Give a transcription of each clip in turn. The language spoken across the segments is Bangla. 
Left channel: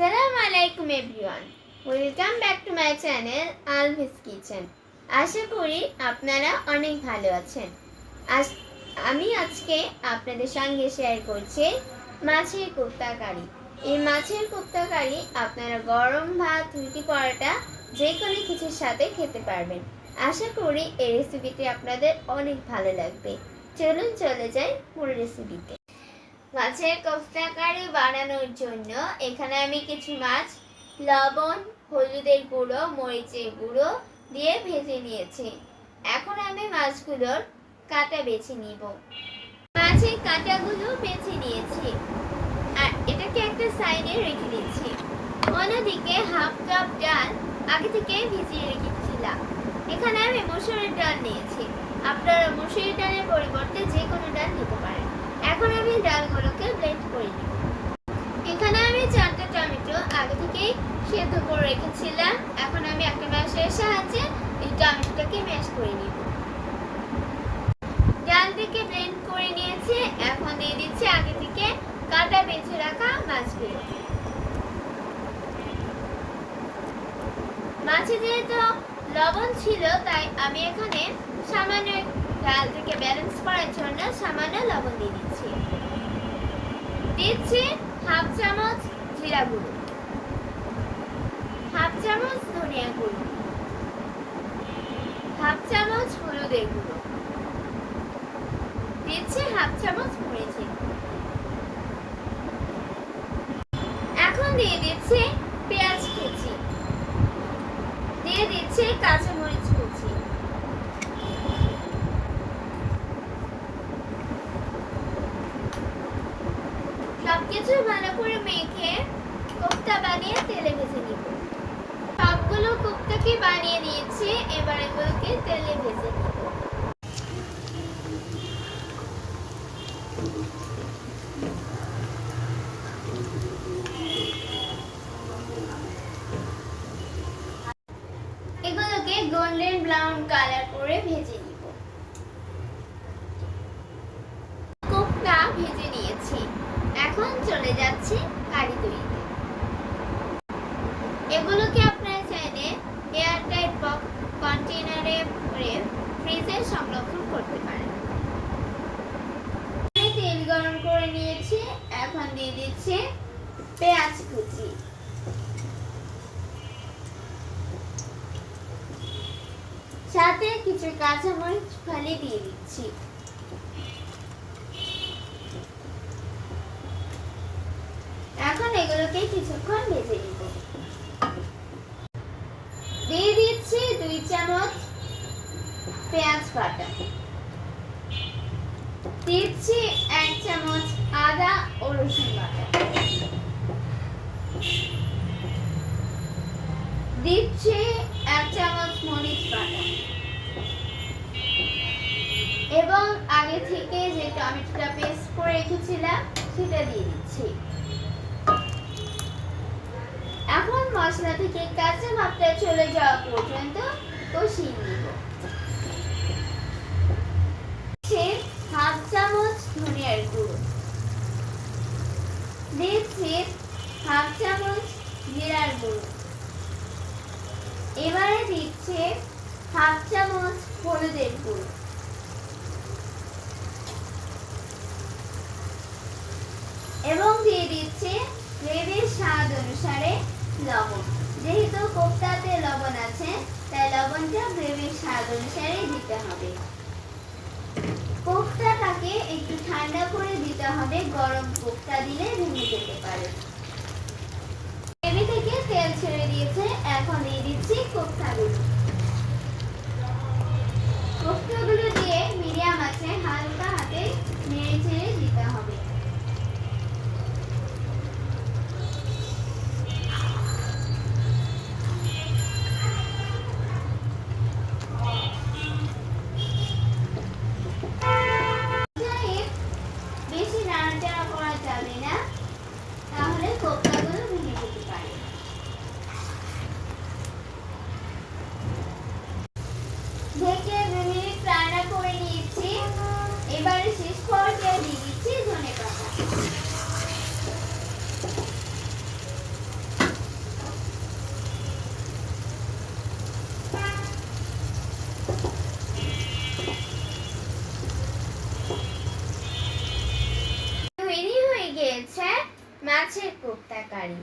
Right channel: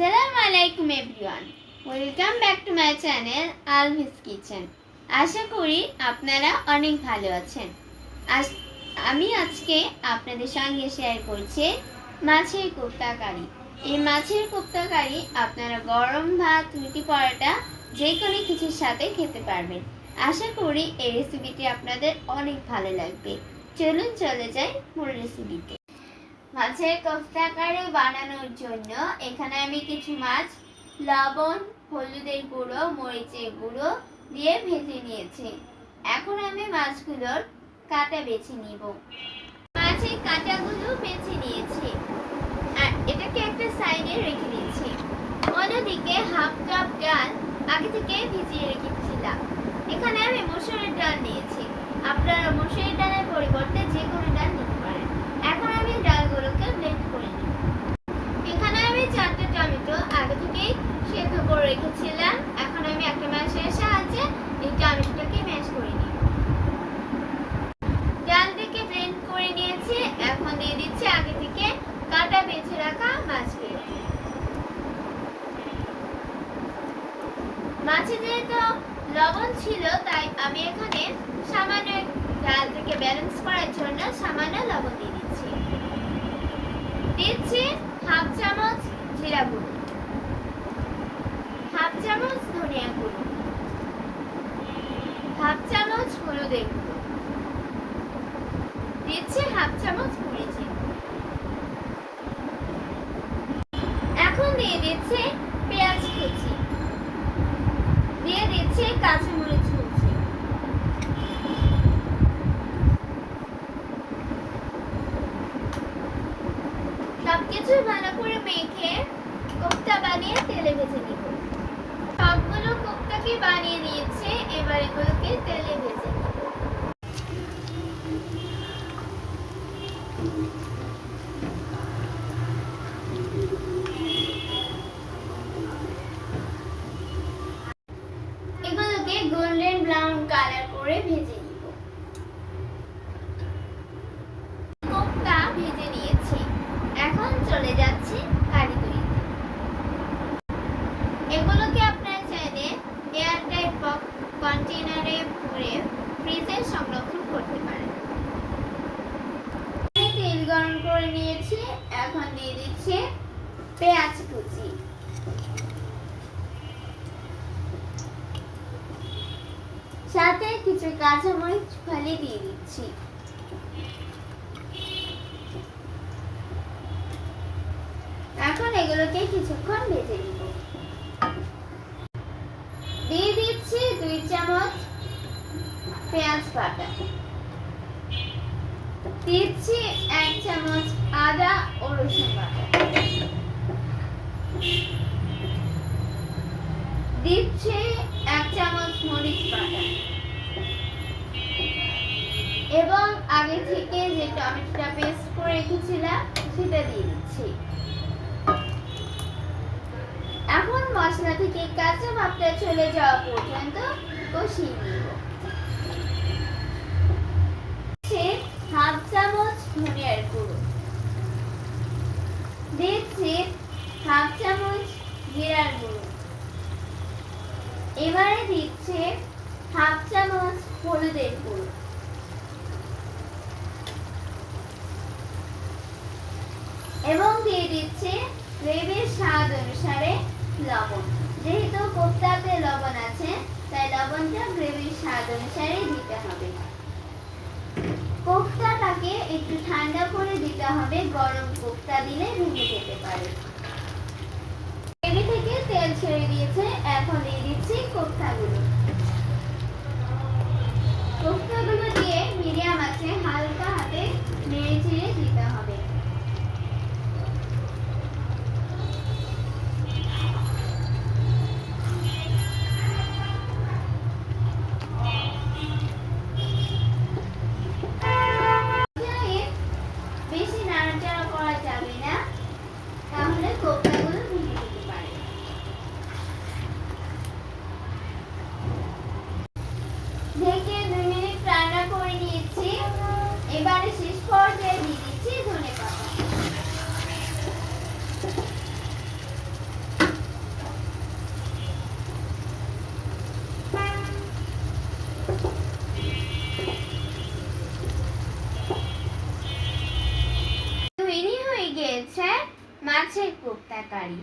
আসসালামু আলাইকুম everyone, welcome back to my channel Alvi's Kitchen. আশা করি আপনারা অনেক ভালো আছেন। আমি আজকে আপনাদের সঙ্গে শেয়ার করছি মাছের কোপ্তা কারি। এই মাছের কোপ্তা কারি আপনারা গরম ভাত, রুটি, পরোটা যে কোনো কিছুর সাথে খেতে পারবেন। আশা করি এই রেসিপিটি আপনাদের অনেক ভালো লাগবে। চলুন চলে যাই মূল রেসিপিতে। মাছের কোপ্তা কারি বানানোর জন্য এখানে আমি কিছু মাছ লবণ, হলুদের গুঁড়ো, মরিচের গুঁড়ো দিয়ে ভেজে নিয়েছি। এখন আমি মাছগুলোর কাঁটা বেছে নিব। মাছের কাঁটাগুলো বেছে নিয়েছি আর এটাকে একটা সাইডে রেখে দিচ্ছি। অন্যদিকে হাফ কাপ ডাল আগে থেকে ভিজিয়ে রেখেছিলাম। এখানে আমি মসুরের ডাল নিয়েছি। আপনারা মসুরের ডালের পরিবর্তে যে কোনো ডাল নিতে পারেন। এখন আমি ডালগুলোকে ব্লেন্ড করে নিব। এখানে আমি 4টা টমেটো আগে থেকেই সেদ্ধ করে রেখেছিলাম। এখন আমি একটা ম্যাশের সাহায্যে এই টমেটোটাকে ম্যাশ করে নিব। ডালটাকে ব্লেন্ড করে নিয়েছি। এখন দিয়ে দিচ্ছি আগে থেকে কাটা বেছে রাখা মাছগুলো। মাছে যেহেতু লবণ ছিল তাই আমি এখানে সামান্য ডালটাকে ব্যালেন্স করার জন্য সামান্য লবণ দিয়ে দিচ্ছি। দিচ্ছি হাফ চামচ জিরা গুঁড়ো, হাফ চামচ ধনিয়া গুঁড়ো, হাফ চামচ হলুদের গুঁড়ো, দিচ্ছি হাফ চামচ মরিচের গুঁড়ো। এখন দিয়ে দিচ্ছি পেঁয়াজ কুচি, দিয়ে দিচ্ছি কাঁচামরিচ কুচি। সবকিছু ভালো করে মেখে কোপ্তা বানিয়ে তেলে ভেজে নিব। সবগুলো কোপ্তাকে বানিয়ে নিয়েছি, এবার এগুলোকে তেলে ভেজে নিব। এগুলোকে গোল্ডেন ব্রাউন কালার করে ভেজে নিব। কোপ্তা ভেজে নিয়েছি, এখন চলে যাচ্ছি কারি তৈরিতে। এগুলোকে আপনারা চাইলে এয়ারটাইট কন্টেইনারে ভরে ফ্রিজে সংরক্ষণ করতে পারেন। তেল গরম করে নিয়েছি, এখন দিয়ে দিচ্ছি পেঁয়াজ কুচি, সাথে কিছু কাঁচামরিচ ফালি দিয়ে দিচ্ছি। এখন এগুলোকে কিছুক্ষণ ভেজে নিব। দিয়ে দিচ্ছি 2 চামচ পেঁয়াজ বাটা, দিচ্ছি 1 চামচ আদা ও রসুন বাটা, দিচ্ছি 1 চামচ মরিচ বাটা এবং আগে থেকে যে টমেটোটা পেস্ট করে রেখেছিলাম সেটা দিয়ে দিচ্ছি। এখন মশলা থেকে কাঁচা ভাবটা চলে যাওয়া পর্যন্ত কষিয়ে নিব। হাফ চামচ ধনিয়ার গুঁড়ো, দিচ্ছি হাফ চামচ জিরার গুঁড়ো, এবারে দিচ্ছি হাফ চামচ হলুদের গুঁড়ো এবং দিয়ে দিচ্ছি গ্রেভির স্বাদ অনুসারে লবণ। যেহেতু কোপ্তাতে লবণ আছে তাই লবণটা গ্রেভির স্বাদ অনুসারে দিতে হবে। কোপ্তাটাকে একটু ঠান্ডা করে দিতে হবে, গরম কোপ্তা দিলে ভেঙে যেতে পারে। গ্রেভি থেকে তেল ছেড়ে দিয়েছে, এখন দিয়ে দিচ্ছি কোপ্তাগুলো। কোপ্তাগুলো দিয়ে মিডিয়াম আঁচে হালকা হাতে নেড়ে চেড়ে দিতে হবে। বেশি নাড়াচাড়া করা যাবে না, তাহলে মাছের কোপ্তা কারি।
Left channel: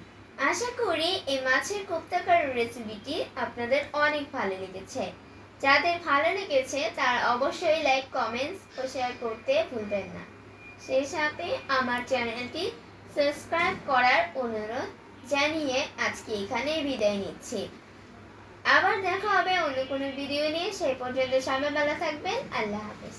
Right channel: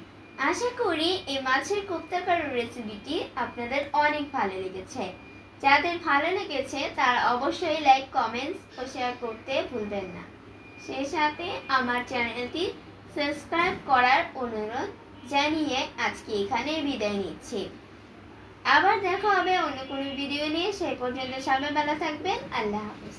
আশা করি এই মাছের কোপ্তা কারির রেসিপিটি আপনাদের অনেক ভালো লেগেছে। যাদের ভালো লেগেছে তারা অবশ্যই লাইক, কমেন্টস ও শেয়ার করতে ভুলবেন না। সেই সাথে আমার চ্যানেলটি সাবস্ক্রাইব করার অনুরোধ জানিয়ে আজকে এখানে বিদায় নিচ্ছি। আবার দেখা হবে অন্য কোনো ভিডিও নিয়ে। সেই পর্যন্ত সবাই ভালো থাকবেন। আল্লাহ হাফেজ।